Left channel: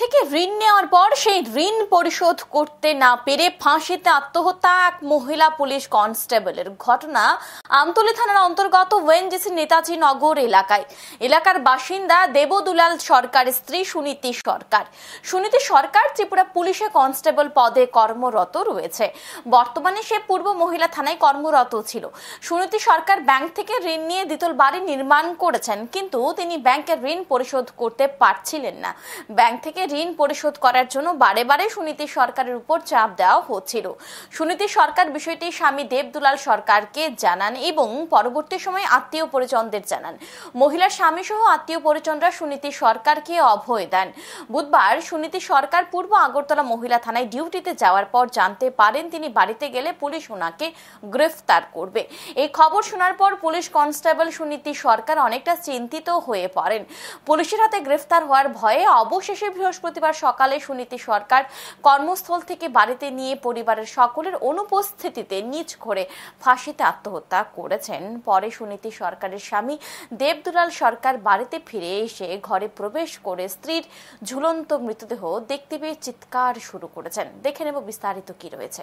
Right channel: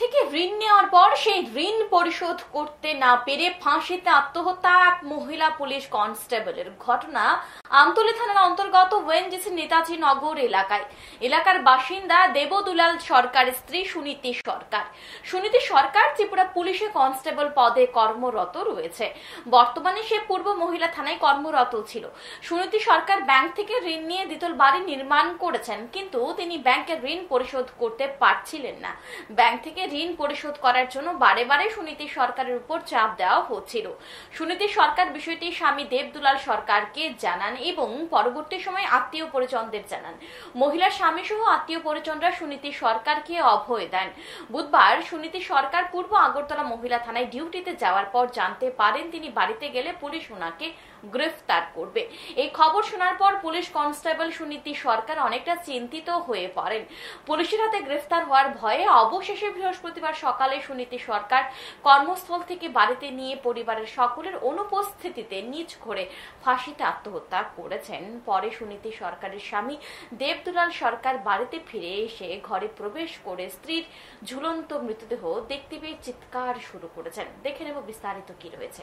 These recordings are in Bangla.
থেকে ঋণ নেওয়ার পর সেই ঋণ পরিশোধ করতে না পেরে ফাঁসিতে আত্মহত্যা এক মহিলা পুলিশ কনস্টেবলের ঘটনা আমতলী থানার অন্তর্গত ওএনজিসি নেতাজি নগর এলাকার বাসিন্দা দেবদুলাল সরকারের স্ত্রী সুনীতি সরকার ত্রিপুরা পুলিশে কনস্টেবল পদে কর্মরত রয়েছে। বর্তমানে সে পূর্ব মহিলা থানায় কর্মরত ছিল। সুনীতি সরকার ব্যাংক থেকে ঋণ নিয়ে দ্বিতল বাড়ি নির্মাণ করেছেন, কিন্তু তিনি ব্যাংকের ঋণ পরিশোধ করতে পারছিলেন না। ব্যাংক থেকে ঋণ পরিশোধ করার জন্য বারে বারে সুনীতি সরকারের উপর চাপ দেওয়া হচ্ছিল। সুনীতি সরকার বিষয়টি স্বামী দেবদুলাল সরকারকে জানান এবং পরবর্তী সময় আত্মীয় পরিজনদের জানান। মহিলার স্বামী সহ আত্মীয় পরিজনরা সুনীতি সরকারকে অভয় দেন। বুধবার সুনীতি সরকার পূর্ব আগরতলা মহিলা থানায় ডিউটিতে যাওয়ার পর জানতে পারেন তিনি বাড়িতে গেলে পুলিশ ওনাকে গ্রেফতার করবে। এই খবর শোনার পর পুলিশ কনস্টেবল সুনীতি সরকার অনেকটা চিন্তিত হয়ে পড়েন। পুলিশের হাতে গ্রেফতার হওয়ার ভয়ে অবশেষে বৃহস্পতিবার সকালে সুনীতি সরকার কর্মস্থল থেকে বাড়িতে নিয়ে পরিবারের সকলের অনুপস্থিতিতে নিজ ঘরে ফাঁসিতে আত্মহত্যা করেছেন। পরে সুনীতি সরকারের স্বামী দেবদুলাল সরকার বাড়িতে ফিরে এসে ঘরে প্রবেশ করে স্ত্রীর ঝুলন্ত মৃতদেহ দেখতে পেয়ে চিৎকার শুরু করেছেন। দেখে নেব বিস্তারিত কি রয়েছে।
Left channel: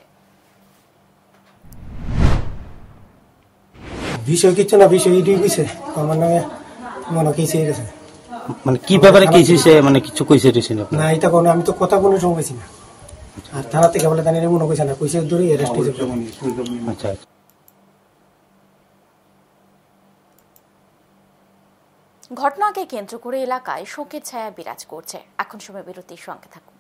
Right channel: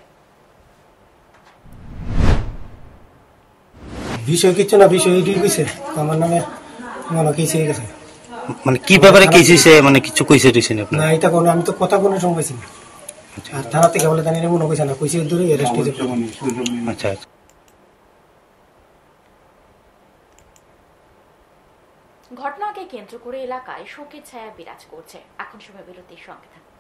বিষয় কিছু না, বিষয় এটাই কইছে আমার নামে মনে কেসে গেছে। মানে কি ব্যাপারে কেসে মানে কিছু কইছে দিছেন আপনি? না, এটা কোনো আমি তো কথা কোনো সময় কইছি না। আর থানা থেকে বলে জানি মনে কইছে না, কইছে দূরে অ্যারেস্ট হইছে। আচ্ছা, ঘটনাকে কেন্দ্র করে এলাকায় শোকের ছায়া বিরাজ করছে। এখন সময় বিরতির সঙ্গে থাকুন।